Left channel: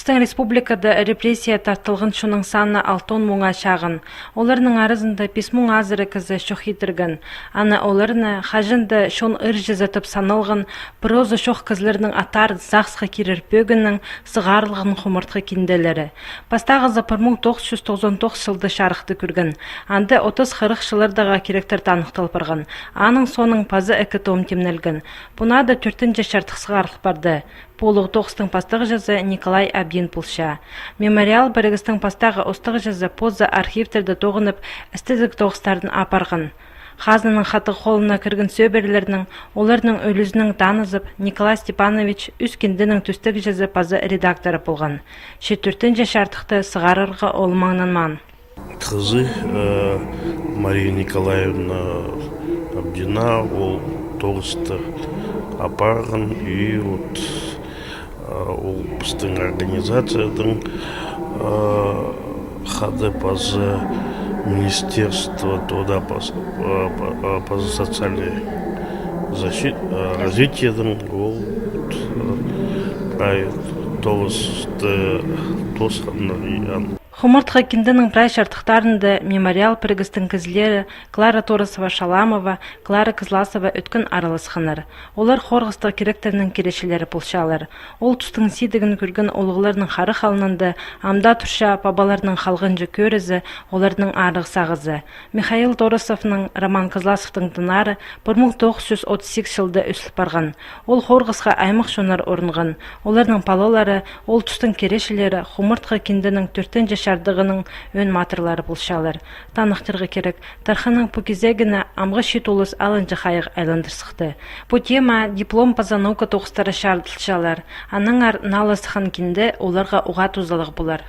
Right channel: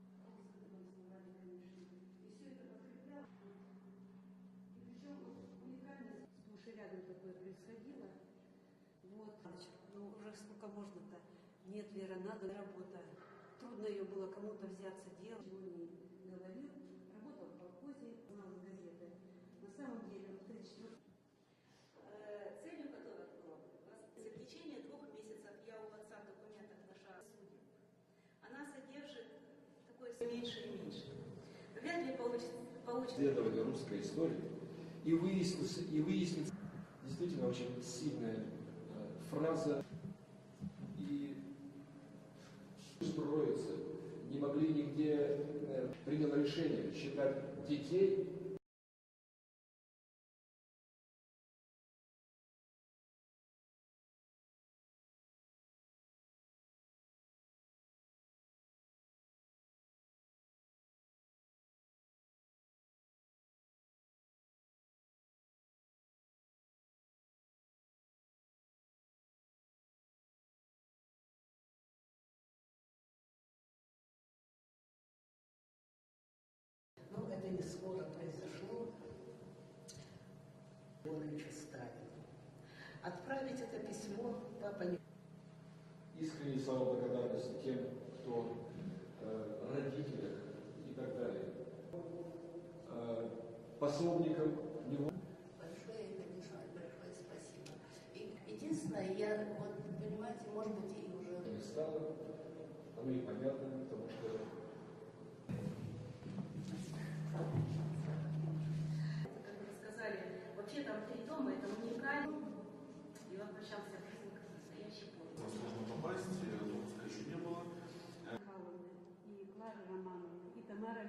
Біздің республикада репрессия тартылғын шуның саны 6 мыңға шағын. Оларның арызында 5 мың азыры кізі шоқ етіргін. Ана оларына хажында шон ыржы затып саналғын, прозы шоқ кізлерінің атар зақсқа керір бөгінің сығарлығын құмыртқы кенделері. Пастағызы 1999 жылды шарықты көргін. Анды 30-40 жылырдаға керектер танықтылып барған. Аның соның пазы әкі том темнелгін. Бұна да 4-ші шартық сығарлық барды. Полуг тоғыстың пастығы жазы Николай Абдин пулша. Мемориал бірігістің пастағы остығы жазы поза архивтерді тоғынып, істізік тоғыстардың апарғын. Хазының хаты қолына кіргін сөберлерінің, оларының өлізінің танызып, Николай Степанович үскендінің түстік жазы пазы редакторы болған. 4-ші шартықты сығарырға олмаңнан ман. Қызы Мария Николаевна Абдина ол тоғысты апарған и ол біздің организацияның хады пазы министерства труда пазы социальной развитиедың ол тоғысты тосқанын. Хумыртқа кендінің прай шартықтарында мемориал бірігістің кізлері Клара Торосова-Шаламова, Клара Кызласова өткін аралысқаныр. Олар қорғыстық керектерінің керешелері пұлшалар. Ол тұстың сейдігін көрген олығыларының қары қалынынды, амда тұрша бабаларының қалғынжы көрізі, олардың арық сағызы. Михаил Торосовның Роман Кызласовтың дынары 1938 жылды өсіліп барған. Ол қорғысқа аймақ шонар орынған. Олардың палолары, ол тұстың керешелері Хумыртқа кендінің 4-ші шардығының өн матырлары бұлшалар. Танықтырғы керек, тарханың пөкезегіні амғы шетолыз алынжы қайық айландырсықты. Бұ тема диплом паза наука тоғыстары шардылшалар. Аның ар налысыған кенді оларға уға тузалық бұлар.